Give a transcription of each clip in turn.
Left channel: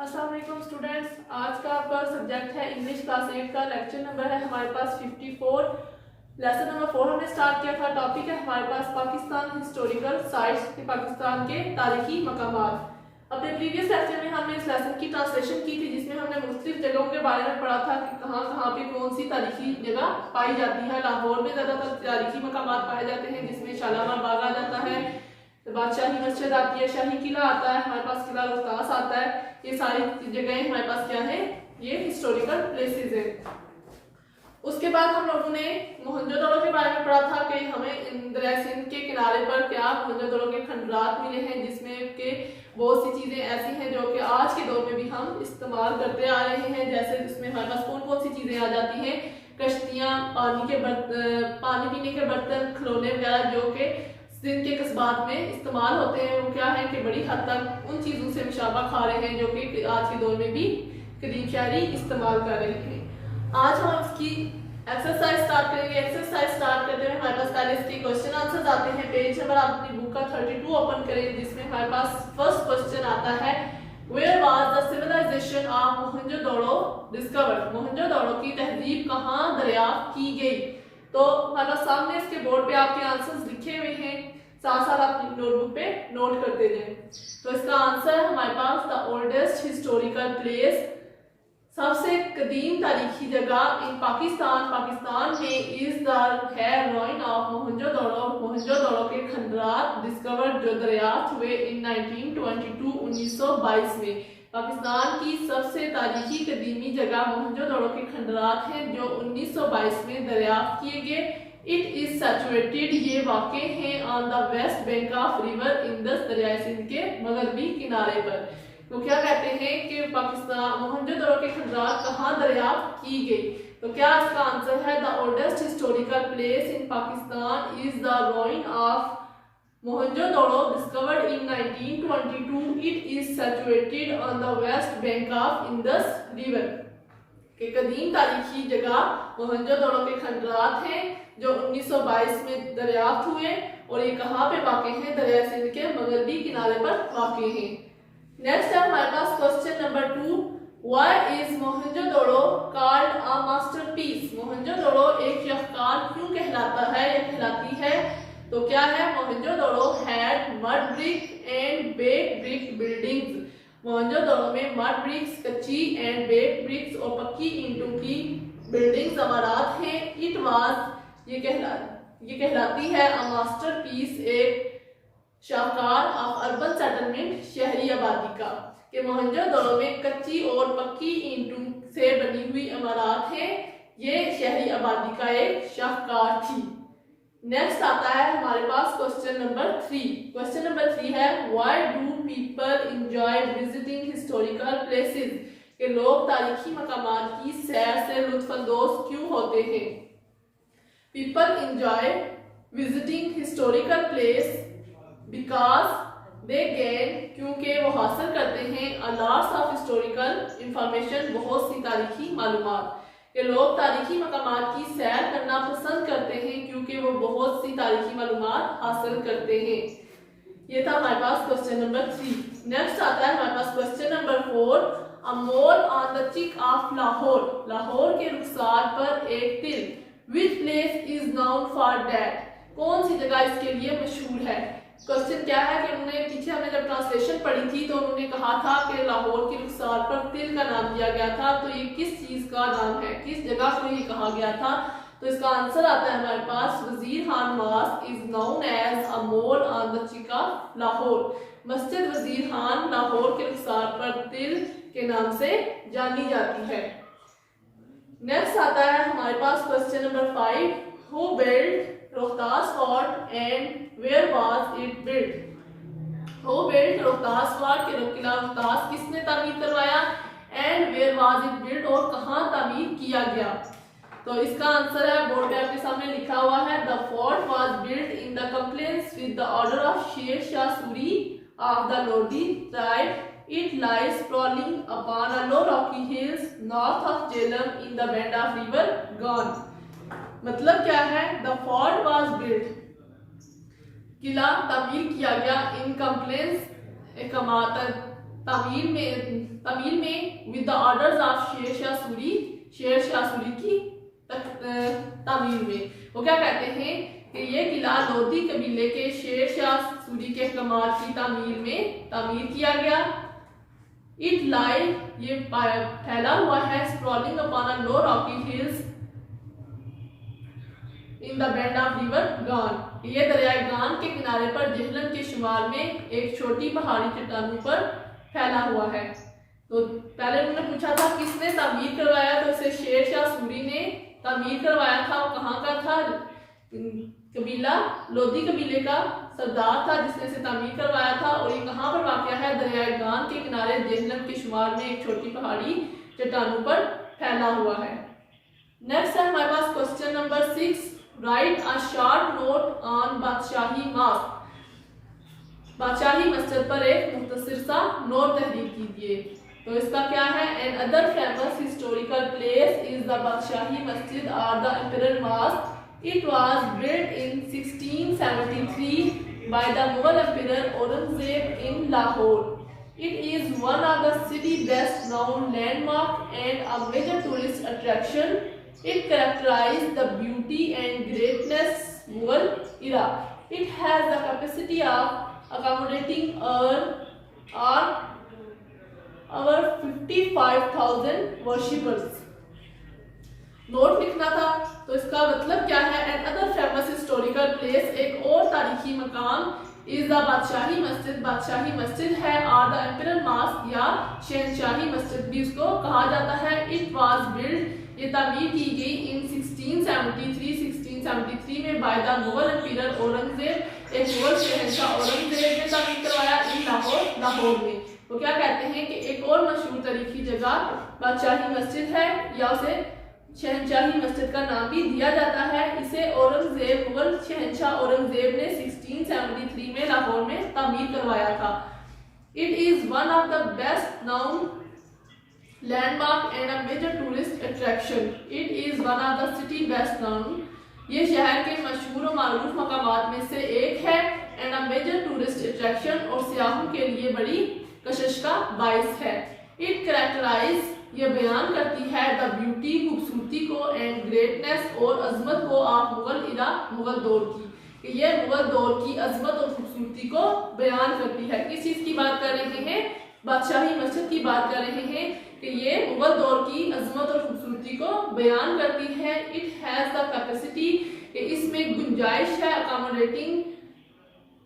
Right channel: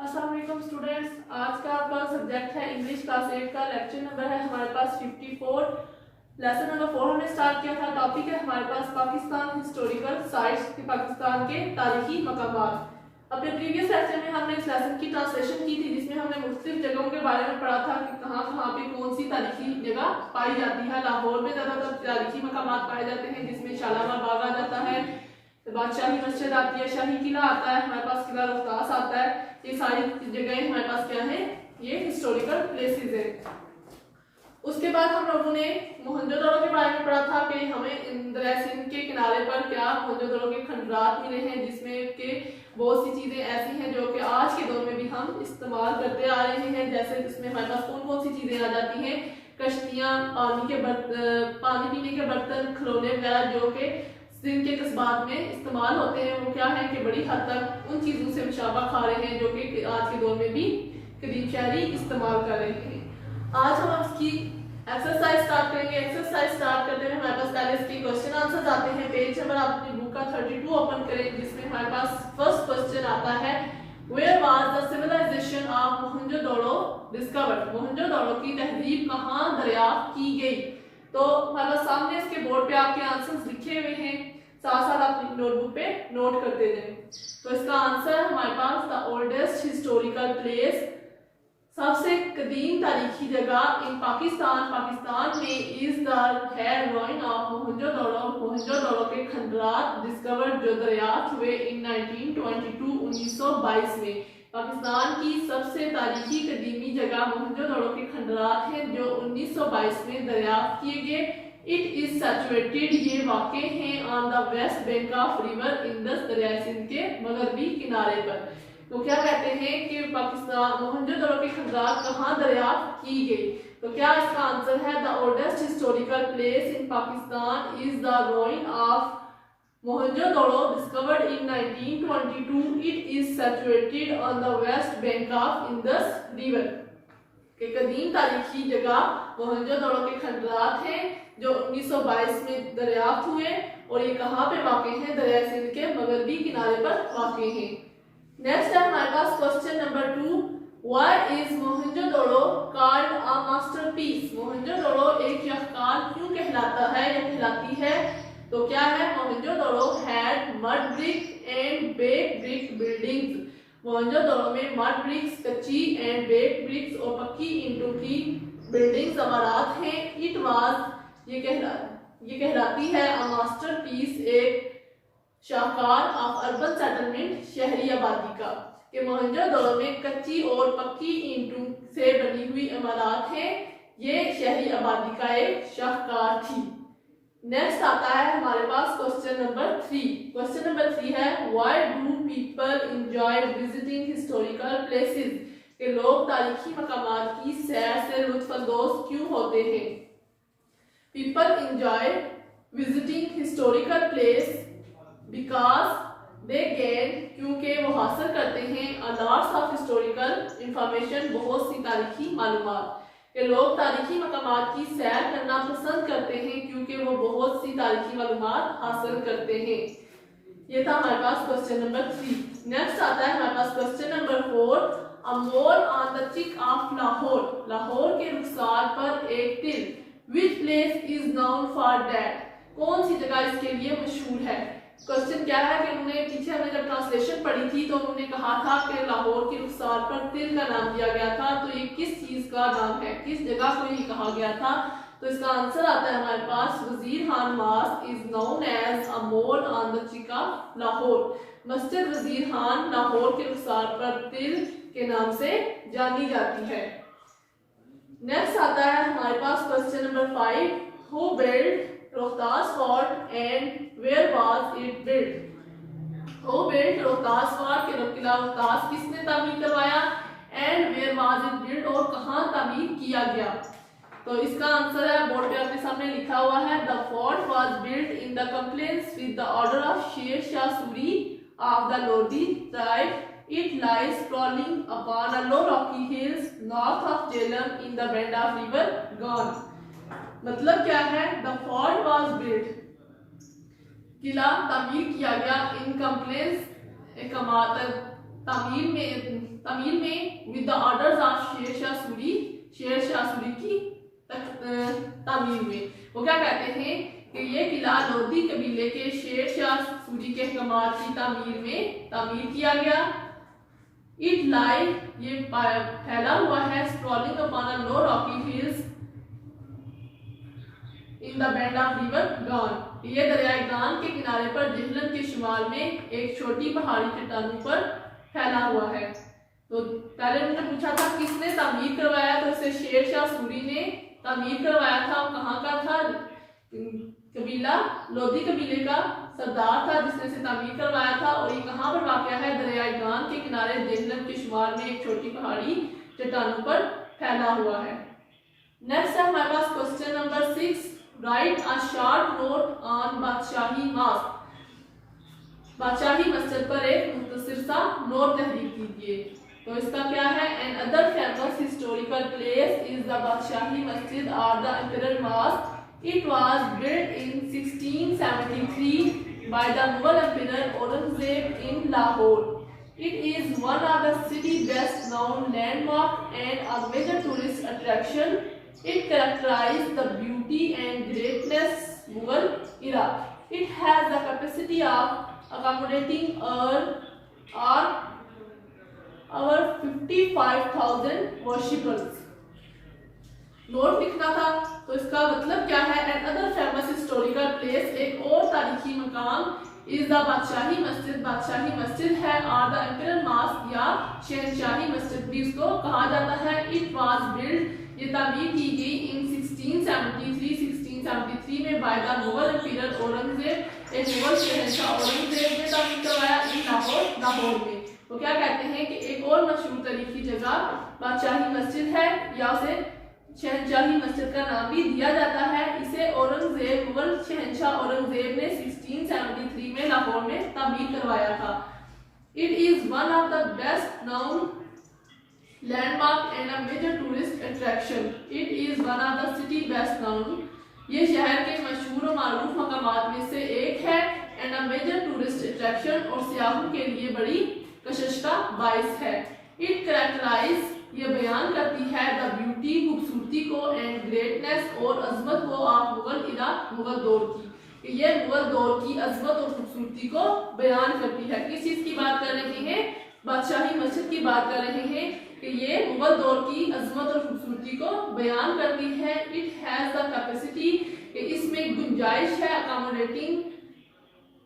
अस्सलाम वालेकुम स्टूडेंट्स, आज का आपका सब्जेक्ट है इंग्लिश क्लास 8 का। लेक्चर नंबर है हमारे पास 54। लेसन नंबर 4 हमने स्टार्ट किया था। टॉपिक है हमारे पास पाकिस्तान हिस्टोरिकल साइट्स, पाकिस्तान के तारीखी मकामात। अपने प्रीवियस लेक्चर में हमने इस लेसन की ट्रांसलेशन की थी, जिसमें हमने मुख्तलिफ जगहों के बारे में पढ़ा था कि कहाँ कहाँ पे कौन सी तारीखी जगह पाई जाती है। लाहौर में ज़्यादातर तारीखी मकामात पाए जाते हैं, जिसमें शालामार बाग आ जाता है, बादशाही मस्जिद आती है, शाही किला आता है, हमारे पास किला रोहतास आता है। ये सारी जगह हमारे पास क्या है, ये हिस्टोरिकल प्लेसेस है। उसके बाद हम लोगों ने मोहनजोदड़ो के बारे में पढ़ा था कि हमें दरिया सिंध के किनारे पर क्या मोहनजोदड़ो के खंडरात मिले हैं, जिसमें के बहुत सी चीजें ऐसी हैं जो कि आज के दौर में भी हम इस्तेमाल करते आ रहे हैं। जैसे इसमें हमारे पास कौन कौन सी चीजें आ जाती हैं, कश्तियां, पानी पीने के बर्तन, खिलौने वगैरह जो कि सिंध के कस्बात में इस्तेमाल होते हैं। वो क्या है कि बड़ी हद तक उन चीजों से मुशाबा खा रहे हैं जो कि आज के दौर में भी कदीम शहरी इस्तेमाल कर रहे हैं। आज हम इसकी एक्सरसाइज स्टार्ट करेंगे। एक्सरसाइज स्टार्ट करते हुए हमारे पास पहले इसके क्वेश्चन आंसर आते हैं। पेज नंबर आप अपनी बुक का 32 ओपन करें, जिसमें हमारे पास फर्स्ट क्वेश्चन आता है, where was the civilisation of Mohenjodaro discovered. Mohenjodaro की तहजीब कहाँ दरियाफ्त की गई। तो हमारे सामने इसके बोर्ड पे आपके आंसर्स लिखे हुए हैं, साथ साथ आप नोटबुक पे नोट करते जाएं। तो इसका आंसर है हमारे पास द ओल्डेस्ट हिस्टोरिकल प्लेस, सबसे कदीम तारीखी जगह इन पाकिस्तान में is the here ruin of Mohenjodaro. Mohenjodaro के खंडरात डिस्कवर्ड जो दरियाफ्त हुए इन 1922 में। पाकिस्तान की सबसे तारीखी कदीमी जगह मोहनजोदड़ो के खंडरात हैं जो 1922 में दरियाफ्त किए गए। इट इज सैचुरेटेड, ये वाक़ हैं on the West Bank of river Indus, दरिया सिंध के मगरबी किनारे पर। तो क्या कहते हैं कि पाकिस्तान मोहनजोदड़ो के खंडरात कहाँ दरियाफ्त की गई। तो क्या इसका आंसर है, the oldest historical place in Pakistan is the ruin of Mohenjo-daro discovered in 1922. It is situated on the west bank of Indus River. के कदीम तारीखी जगह मोहनजोदड़ो के खंडरात हैं जो 1922 में दरियाफ्त हुए और ये कहाँ पे वाक़े हैं, दरिया सिंध के मगरबी किनारे पर वाक़े हैं। नेक्स्ट है हमारे पास question number 2, why is Mohenjodaro called a masterpiece. Mohenjodaro एक शाहकार क्यों कहलाता है या कहलाती है। तो क्या है, Mohenjodaro had mud brick and baked brick buildings. Mohenjodaro में मड ब्रिक्स, कच्ची एंड बेक्ड ब्रिक्स और पक्की ईंटों की बिल्डिंग्स इमारत हैं। इट वाज ये कहलाती है अ मास्टरपीस, एक शाहकार ऑफ अर्बन सेटलमेंट, शहरी आबादी का। कि मोहनजोदड़ो में कच्ची और पक्की ईंटों से बनी हुई इमारत हैं, ये शहरी आबादी का एक शाहकार थी। नेक्स्ट आता है हमारे पास क्वेश्चन नंबर 3। क्वेश्चन नंबर 3 है, why do people enjoy visiting historical places. के लोग तारीखी मकामात की सैर से लुत्फानंदोज क्यों होते हैं। People enjoy visiting historical place because they gain, क्योंकि वो हासिल करते हैं a lots of historical information, बहुत सी तारीखी मालूमात। कि लोग तारीखी मकामात की सैर करना पसंद करते हैं क्योंकि वो बहुत सी तारीखी मालूमात हासिल करते हैं। ये था हमारे पास क्वेश्चन नंबर 3। नेक्स्ट आता है हमारे पास question number 4, a mole on the cheek of Lahore. Lahore के रुखसार पर एक तिल, which place is known for that. कौन सी जगह इसके लिए मशहूर है। क्वेश्चन क्या है कि उन्होंने पीछे हमने जब ट्रांसलेशन पढ़ी थी तो उन्होंने कहा था कि लाहौर की रुखसार पर तिल का नाम दिया गया था। तो ये किस चीज का नाम है, किस जगह को ये कहा गया था। तो इसका आंसर आता है हमारे पास, Wazir Khan mosque is known as a mole on the cheek of Lahore. मस्जिद वजीर खान लाहौर के रुखसार पर तिल के नाम से जानी जाती है। नेक्स्ट आता है हमारे पास question number 5, who build Rohtas fort and where was it built. Who built Rohtas fort, के किला रोहतास किसने तामीर करवाया, and where was it built, और कहां तामीर किया गया। तो इसका आंसर है बोर्ड पे आपके सामने लिखा हुआ है, the fort was built in the compliance with the order of Sher Shah Suri of the Lodhi tribe. It lies sprawling upon a low rocky hills north of Jhelum in the bend of river Gone। मतलब क्या है, the fort was built, किला तामीर किया गया इन compliance तामीर में तमीर में with the orders of Sher Shah Suri की तमीर में। वो क्या कहते हैं कि ये किला लोधी कबीले के शेर शाह सूरी के हुक्मरान की तामीर किया गया। इट लाई, ये फैला हुआ है, sprawling upon a low Rocky hills in the bed of river गान। ये दरियाए गान के किनारे पर जेहलम के शुमाल में एक छोटी पहाड़ी चट्टानों पर फैला हुआ है। तो पहले उन्होंने पूछा था किसने तामीर करवाया, तो इसे शेर शाह सूरी ने तामीर करवाया था। वो कहाँ का था? कबीला लोधी कबीले का सरदार था जिसने इसे तामीर करवाया था। और ये कहाँ पर वाक़या है? दरियाए गान के किनारे जेहलम के शुमाल में एक छोटी पहाड़ी चट्टानों पर फैला हुआ है। नेक्स्ट है हमारे पास question number 6, write a short note on Badshahi mosque. Badshahi Masjid पर एक मुख्तसर सा नोट तहरीर कीजिए। तो इसका क्या है? Another famous historical place is the Badshahi Masjid और the imperial mosque. It was built in 1673 by the Mughal Emperor Aurangzeb in Lahore. It is one of the city's best known landmark and a major tourist attraction. It characterized the beauty and greatness Mughal era. It has the capacity of accommodating over 55,000 worshippers. Note लिखना था, तो इसका मतलब क्या है? Another famous historical place, एक और तारीखी मकाम, इज द बादशाही मस्जिद है, और द इंपीरियल मॉस्क या शहंशाही मस्जिद भी इसको कहा जाता है। इट वाज बिल्ड, ये तामीर की गई इन 1673 में by the Mughal imperial Aurangzeb, एक मुगल शहंशाह औरंगजेब ने तामीर करवाया इन लाहौर में। वो क्या कहते हैं कि एक और मशहूर तारीखी जगह बादशाही मस्जिद है, या उसे शहंशाही मस्जिद का नाम भी दिया जाता है। इसे औरंगजेब, मुगल शहंशाह औरंगजेब ने 1673 में लाहौर में तामीर करवाया था। It is one of the best known landmark and a major tourist attraction. It is one of the city best known, ये शहर के मशहूर और मारूफ मकामात में से एक है। And a major tourist attraction, और सियाहों के लिए बड़ी कशिश का बाइस है। इट कैरेक्टराइज, ये बयान करती है द ब्यूटी, खूबसूरती को, एंड ग्रेटनेस, और अजमत को, ऑफ मुगल दौर की। ये मुगल दौर की अजमत और खूबसूरती को बयान करती है। किस चीज की बात कर रहे हैं? बादशाही मस्जिद की बात कर रहे हैं कि ये मुगल दौर की अजमत और खूबसूरती को बयान करती है। इट हैज द कैपेसिटी, इसमें गुंजाइश है, अकोमोडेटिंग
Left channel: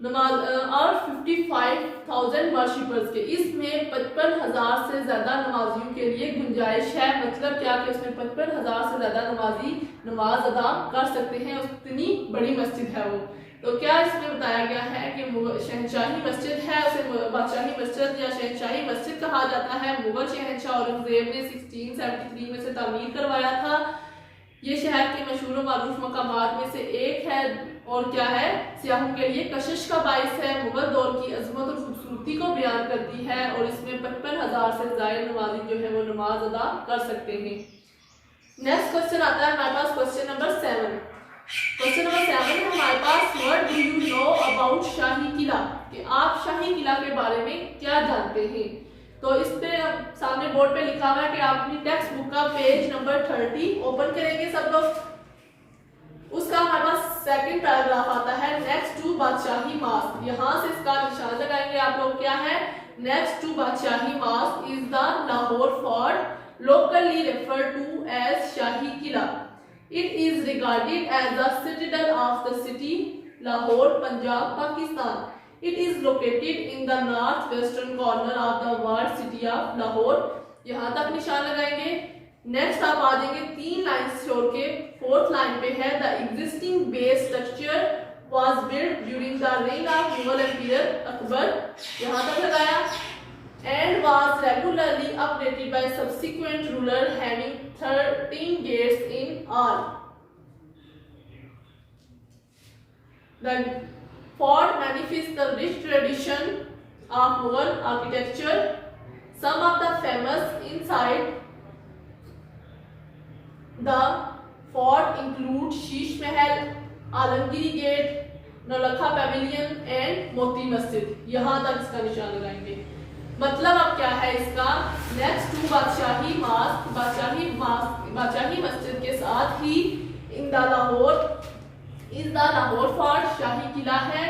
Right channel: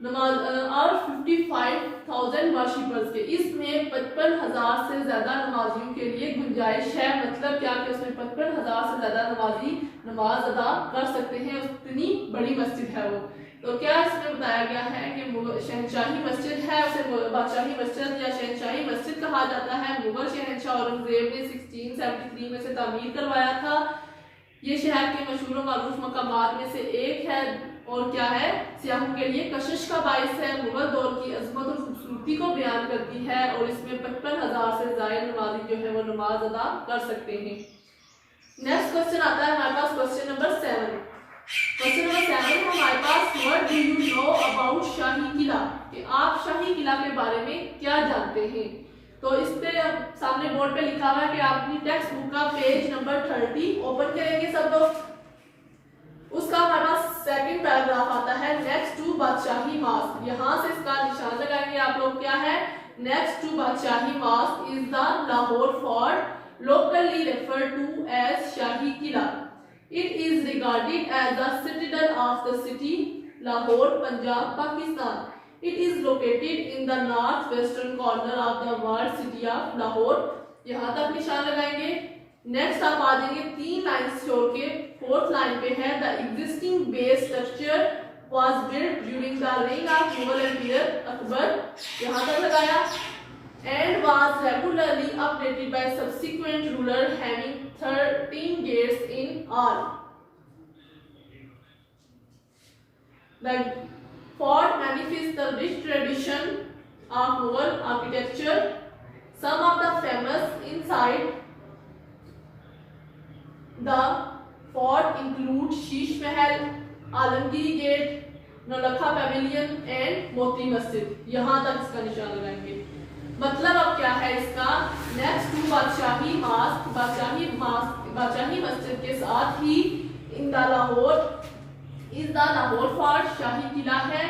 और 55,000 वर्शिपर्स के, इसमें 55,000 से ज्यादा नमाजियों के लिए गुंजाइश है। मतलब क्या कि उसमें 55,000 से ज्यादा नमाजी नमाज अदा कर सकते हैं, उतनी बड़ी मस्जिद है वो। तो क्या इसमें बताया गया है कि शहंशाही मस्जिद है, उसे बादशाही मस्जिद या शहंशाही मस्जिद कहा जाता है। मुगल शहंशाह औरंगजेब ने 1673 में से तामीर करवाया था। ये शहर के मशहूर मारूफ मकामात में से एक है, और क्या है? सियाहों के लिए कशिश का बाइस है, मुगल दौर की अजमत और खूबसूरती को बयान करती है, और इसमें 55,000 से ज्यादा नमाजी जो है वो नमाज अदा कर सकते हैं। नेक्स्ट क्वेश्चन आता है हमारे पास क्वेश्चन नंबर 7। क्वेश्चन नंबर 7 में हमारे पास what do you know about Shahi Qila, कि आप शाही किला के बारे में क्या जानते हैं। तो इस पे सामने बोर्ड पे लिखा हुआ है कि आप अपनी टेक्स्ट बुक का पेज नंबर 30 ओपन करेंगे सब लोग। उसका हमारे पास सेकंड पैराग्राफ आता है नेक्स्ट टू बादशाही मॉस्क। यहाँ से इसका निशान लगाएंगे आप लोग। क्या है? Next to Badshahi mosque is the Lahore fort, locally referred to as Shahi Killa. It is regarded as the citadel of the city Lahore, Punjab, Pakistan. It is located in the northwestern corner of the walled city of Lahore. यहाँ तक निशान लगाएंगे। Next आप आ जाएंगे 3 lines छोड़ के, 4th line पे है the existing base structure was built during the reign of Mughal Emperor Akbar. यहाँ तक लगाया। And was regularly updated by subsequent ruler having 13 gates in all. The fort manifests the rich tradition of Mughal architecture. Some of the famous inside the fort include Sheesh Mahal, Alamgiri Gate, Naulakha pavilion and Moti मस्जिद। यहाँ तक इसका निशान लगाएंगे। मतलब अब क्या है इसका, नेक्स्ट टू बादशाही मस्जिद, बादशाही मस्जिद के साथ ही in the Lahore is the Lahore fort, Shahi Qila है।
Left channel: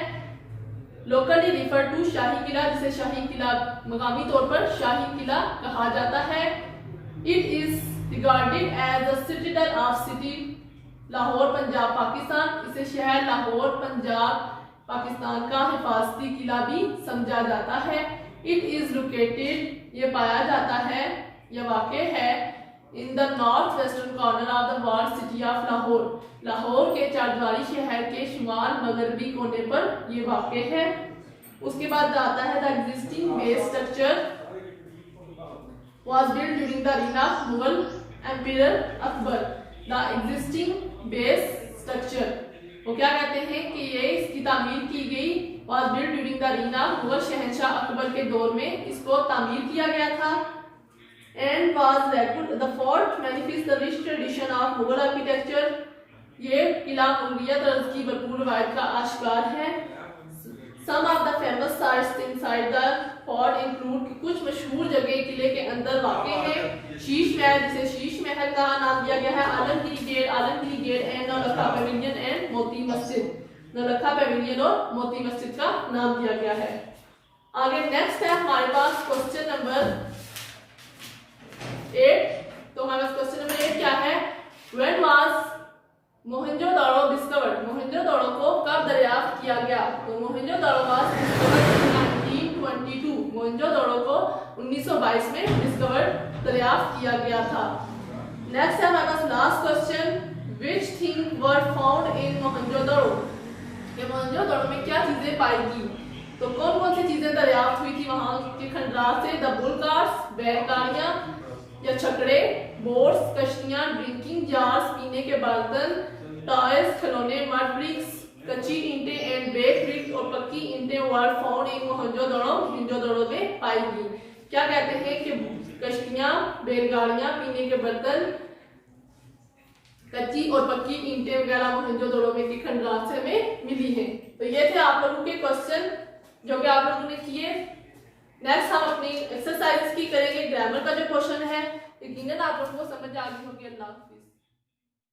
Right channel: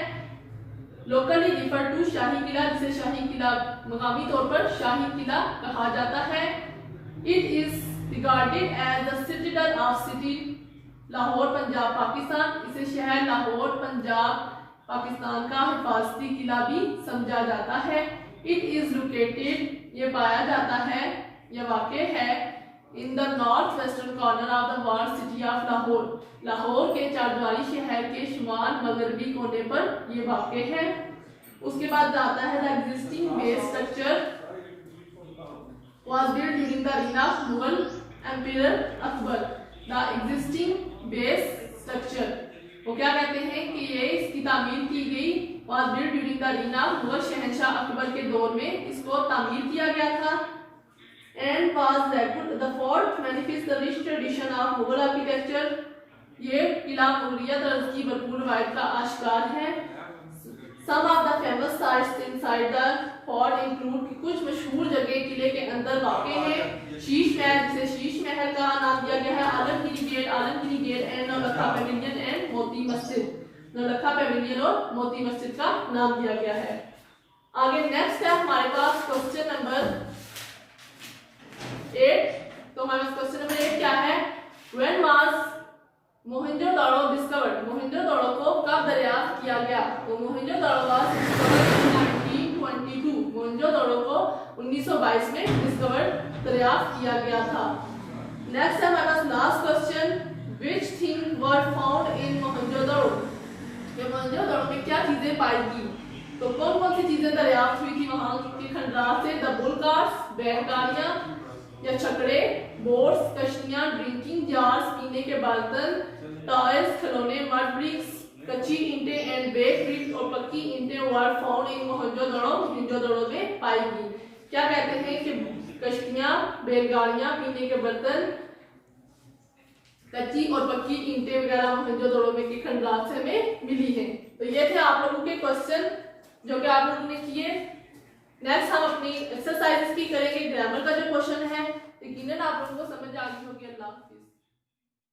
Locally refer to, Shahi Qila जिसे शाही किला मकामी तौर पर शाही किला कहा जाता है। It is regarded as the citizen of city Lahore Punjab Pakistan, इसे शहर लाहौर पंजाब पाकिस्तान का हिफाजती किला भी समझा जाता है। इट इज लोकेटेड, ये पाया जाता है, यह वाक़ है in the north western corner of the world city of Lahore, Lahore के चारद्वारी शहर के शुमाल मगरबी कोने पर ये वाक़ है। उसके बाद आता है the existing base structure was built during the reign of Mughal Emperor Akbar, the existing base structure, वो क्या कहते हैं कि ये इसकी तामीर की गई was built during the reign of Mughal शहंशाह अकबर के दौर में इसको तामीर किया गया था। and was the fort manifests the rich tradition of Mughal architecture, ये किला मुगलिया तर्ज की भरपूर रवायत का आश्कार है। Some of the famous sites inside the fort include, कुछ मशहूर जगह किले के अंदर वाक़ हैं। शीश महल, जिसे शीश महल का नाम दिया गया है। Alamgiri gate and Naulakha pavilion and Moti Masjid, Naulakha Pavilion और मोती मस्जिद का नाम दिया गया है। आगे नेक्स्ट है हमारे पास क्वेश्चन नंबर 8। तो हमारे पास क्वेश्चन नंबर 8 क्या है, when was Mohenjodaro discovered, Mohenjodaro को कब दरियाफ्त किया गया। तो Mohenjodaro was discovered in 1922, Mohenjodaro को 1922 में डिस्कवर्ड दरियाफ्त किया गया था। नेक्स्ट है हमारे पास last question, which thing were found in Mohenjodaro, ये मोहनजोदड़ो में क्या चीजें पाई गई। तो कौन कौन सी चीजें दरियाफ्त हुई थी वहां के खंडरात से, द बुल कार्ड्स, बैलगाड़ियां या छकड़े, बोट्स कश्तियां, ड्रिंकिंग जार्स पीने के बर्तन, टॉयज खिलौने, मड ब्रिक्स कच्ची ईंटें एंड बेक ब्रिक्स और पक्की ईंटें वर फाउंड इन मोहनजोदड़ो में पाई गई। क्या कहते हैं कि कश्तियां, बैलगाड़ियां, पीने के बर्तन, कच्ची और पक्की ईंटें वगैरह मोहनजोदड़ो में के खंडरात से हमें मिली हैं। तो ये थे आप लोगों के क्वेश्चन जो कि आप लोगों ने किए। नेक्स्ट हम अपनी एक्सरसाइज की करेंगे। ग्रामर का जो क्वेश्चन है यकीनन आप लोगों को समझ आ गई होगी। अल्लाह हाफिज़।